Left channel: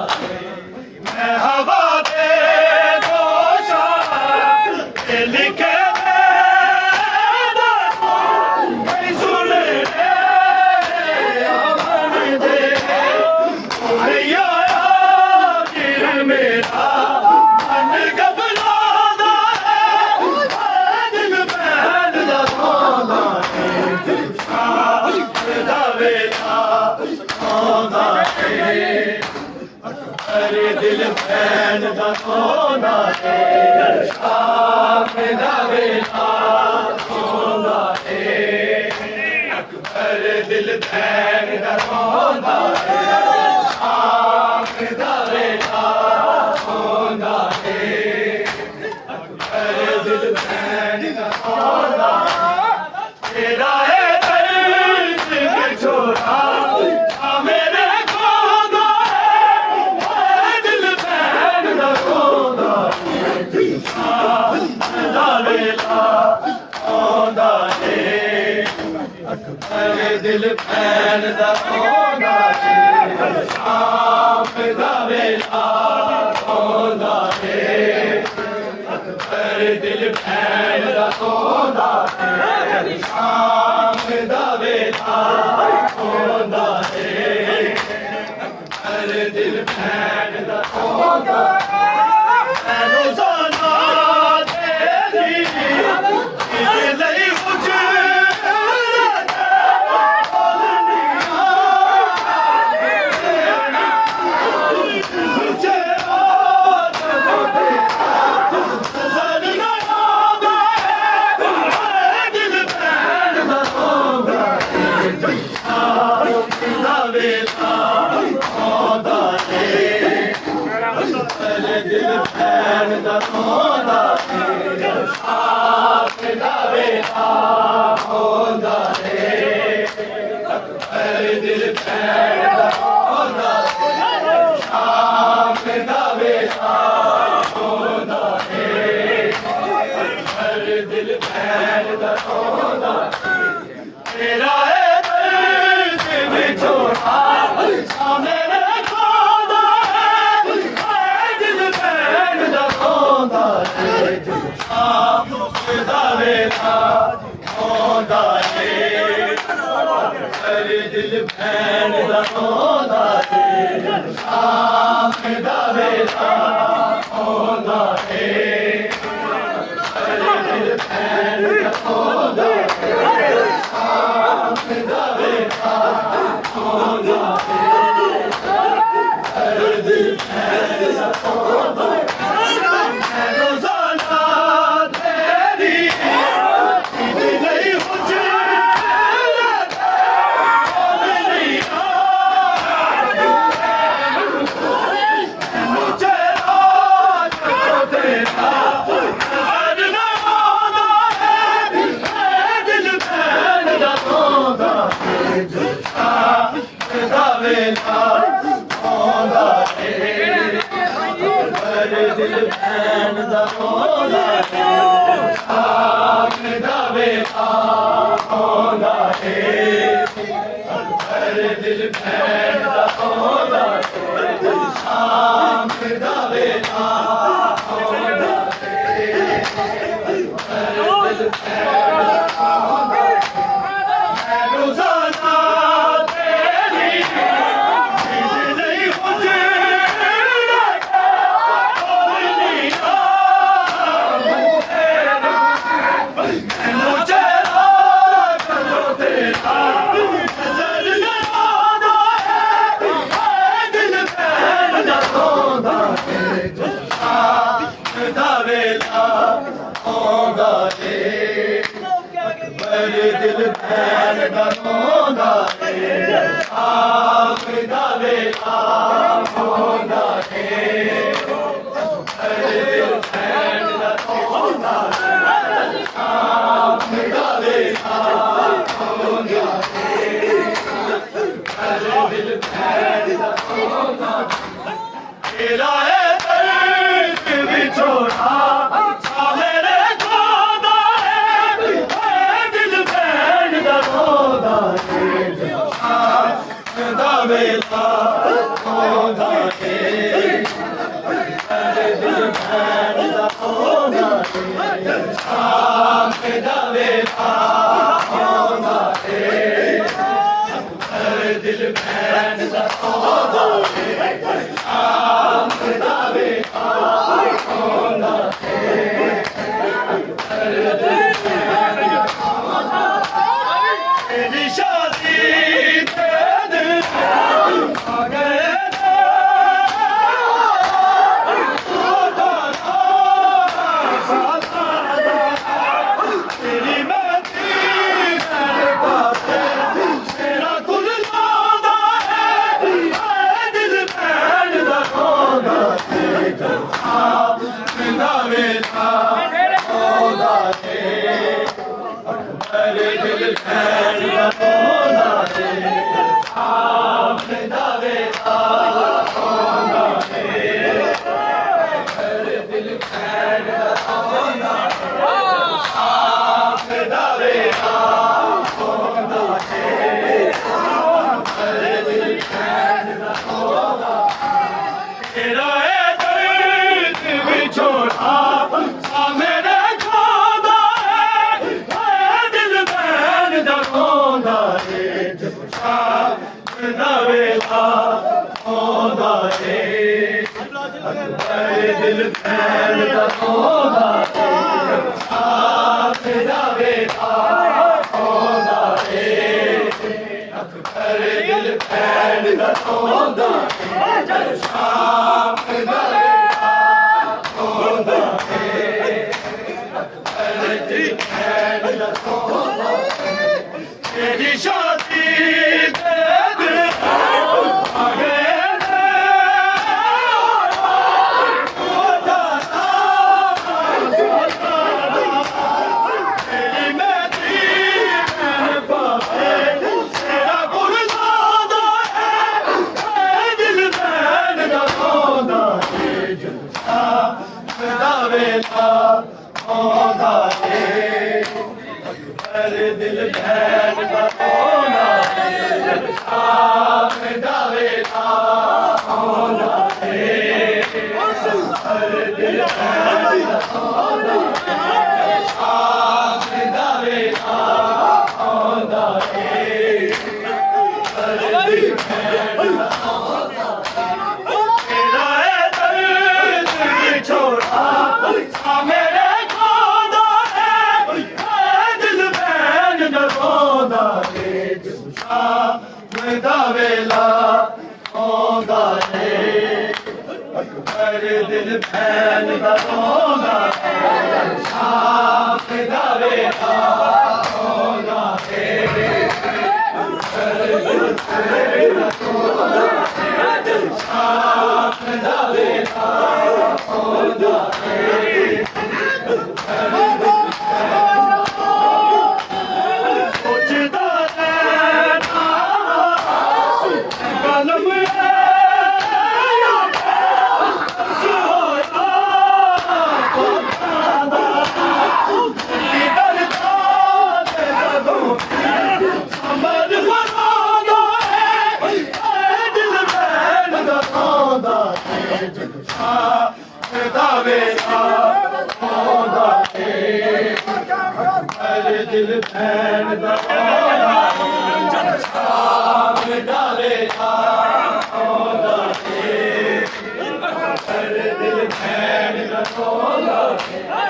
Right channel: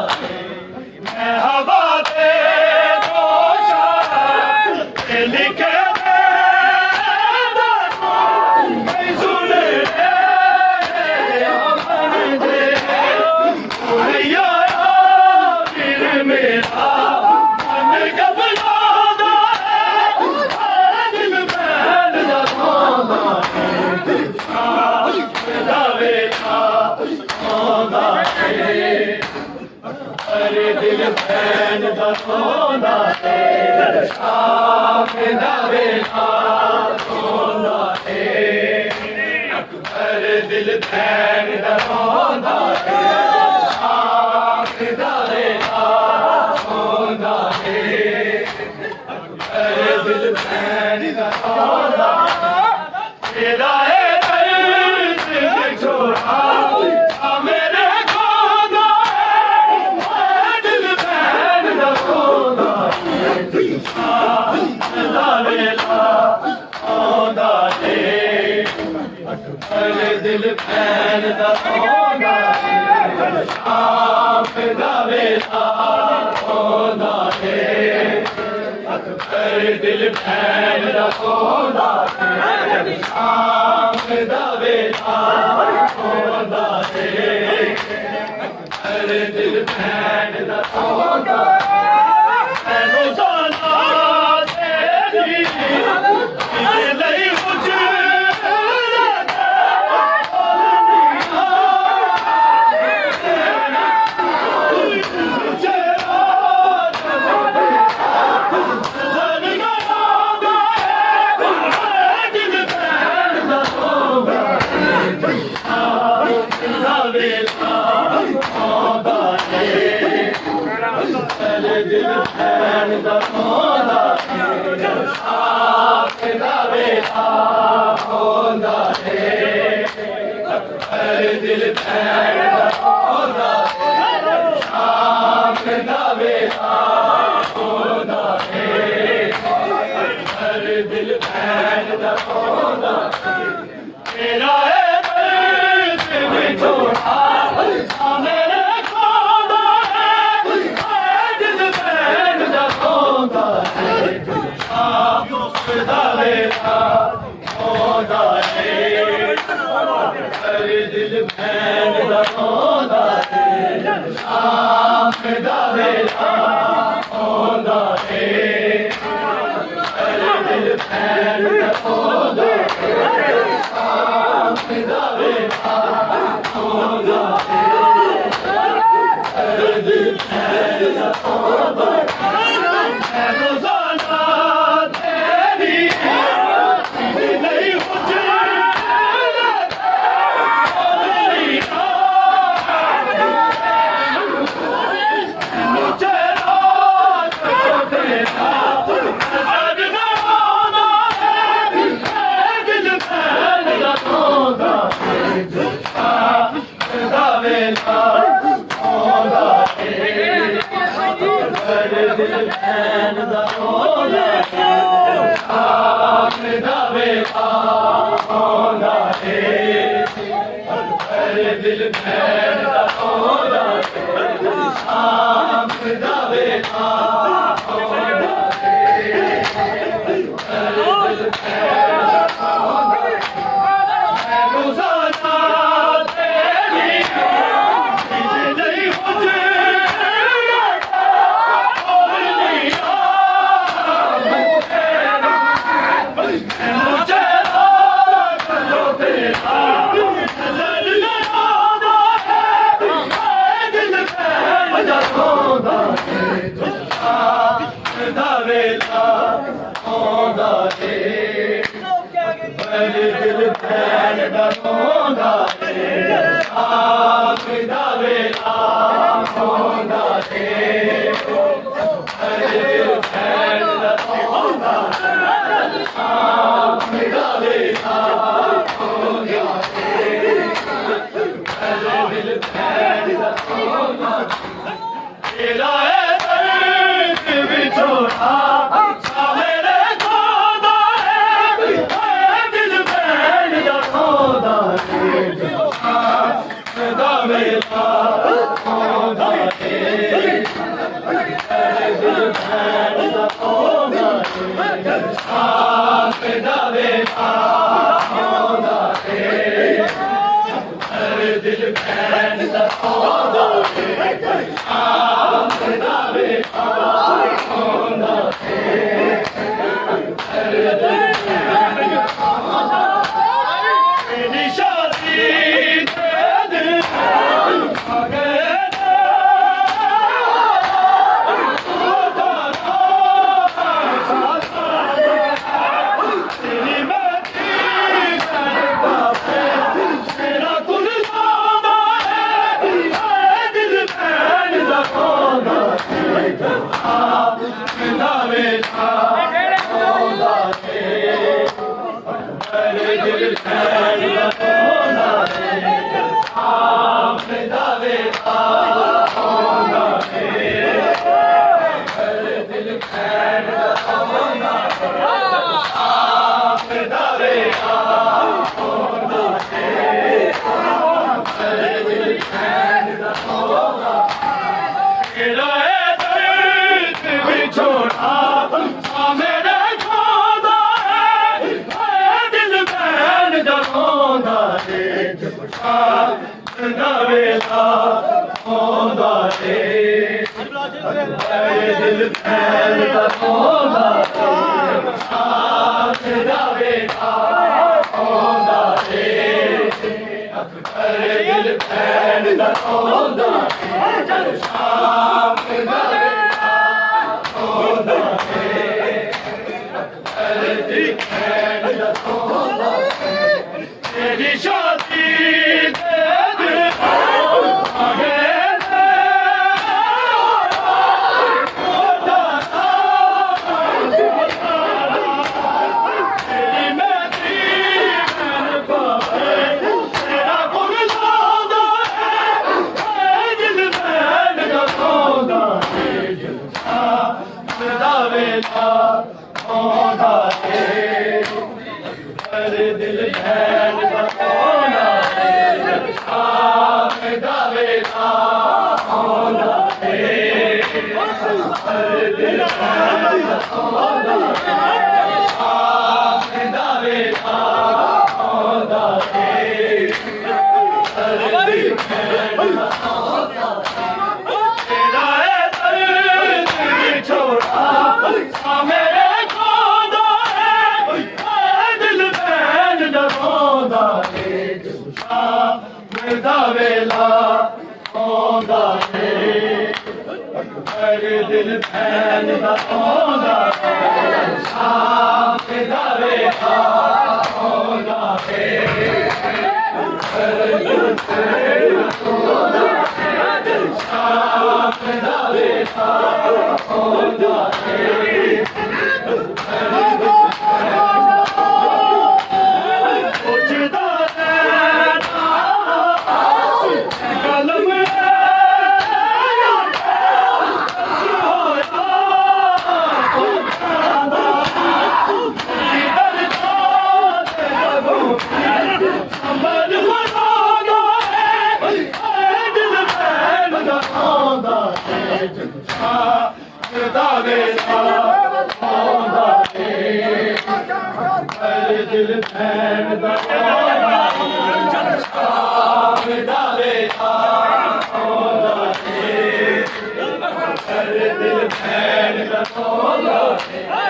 मैं हवा दे जोशा लिखे सुने अमन दे फिर मेरा मन घबरादा दिल बैन दा वेला आंदा अरे दिल बैन दा आंदा शाम दा वेला आंदा अरे दिल बैन दा आंदा शाम दा वेला आंदा अरे दिल बैन दा आंदा तेरा है दर्द छोड़ा मेरे कोदा है दिल बैन दा कोदा दा वेला आंदा अरे दिल बैन दा कोदा शाम दा वेला आंदा अरे दिल बैन दा कोदा शाम दा वेला आंदा अरे दिल बैन दा कोदा रोज़ाना तेरी लई दिल बैन दा कोदा शाम दा वेला आंदा अरे दिल बैन दा कोदा तेरा है दर्द छोड़ा मेरे कोदा दिल बैन दा कोदा शाम दा वेला आंदा अरे दिल बैन दा कोदा शाम दा वेला आंदा अरे दिल बैन दा कोदा शाम दा वेला आंदा अरे दिल बैन दा कोदा रोज़ाना तेरी नहीं दिल बैन दा कोदा शाम दा वेला आंदा अरे दिल बैन दा कोदा शाम दा वेला आंदा अरे दिल बैन दा कोदा रोज़ाना तेरी नहीं दिल बैन दा कोदा शाम दा वेला आंदा अरे दिल बैन दा कोदा शाम दा वेला आंदा अरे दिल बैन दा कोदा तेरा है दर्द विछोड़ा मेरे कोदा दिल बैन दा कोदा शाम दा वेला आंदा ਦਾ ਵੇਲਾ ਆਉਂਦਾ ਏ ਮੇਰੇ ਦਿਲ ਖੈਰ ਦਾ ਆਉਂਦਾ ਏ ਆਪ ਦਾ ਵੇਲਾ ਆਉਂਦਾ ਏ ਮੇਰੇ ਦਿਲ ਖੈਰ ਦਾ ਆਉਂਦਾ ਏ ਆਪ ਦਾ ਵੇਲਾ ਆਉਂਦਾ ਏ ਮੇਰੇ ਦਿਲ ਖੈਰ ਦਾ ਆਉਂਦਾ ਤੇਰਾ ਵਿਛੋੜਾ ਆ ਮੇਰੇ ਖੋਦਾ ਏ ਦਿਲ ਭੈਣ ਦਾ ਖੋਦਾ ਏ ਜਬ ਸ਼ਾਮ ਦਾ ਵੇਲਾ ਆਉਂਦਾ ਏ ਦਿਲ ਭੈਣ ਦਾ ਖੋਦਾ ਏ ਜਬ ਸ਼ਾਮ ਦਾ ਵੇਲਾ ਆਉਂਦਾ ਏ ਦਿਲ ਭੈਣ ਦਾ ਖੋਦਾ ਏ ਜਬ ਸ਼ਾਮ ਦਾ तेरी शादी दिल भैन का आना जब शाम दा वेला आना है दिल भैन का आना जब शाम दा वेला आना है दिल भैन का आना तेरा दर्द छोड़ा मेरे ਆਉਂਦਾ ਏ ਜਬ ਸ਼ਾਮ ਦਾ ਵੇਲਾ ਆਉਂਦਾ ਏ ਮੇਰੇ ਦਿਲ ਭੈਣ ਦਾ ਆਉਂਦਾ ਏ ਜਬ ਸ਼ਾਮ ਦਾ ਵੇਲਾ ਆਉਂਦਾ ਏ ਮੇਰੇ ਦਿਲ ਭੈਣ ਦਾ ਆਉਂਦਾ ਏ ਜਬ ਸ਼ਾਮ ਦਾ ਵੇਲਾ ਆਉਂਦਾ ਏ दिल भैन दा जब शाम दा वेला आਉਂਦਾ ਏ दिल भैन दा आਉਂਦਾ ਏ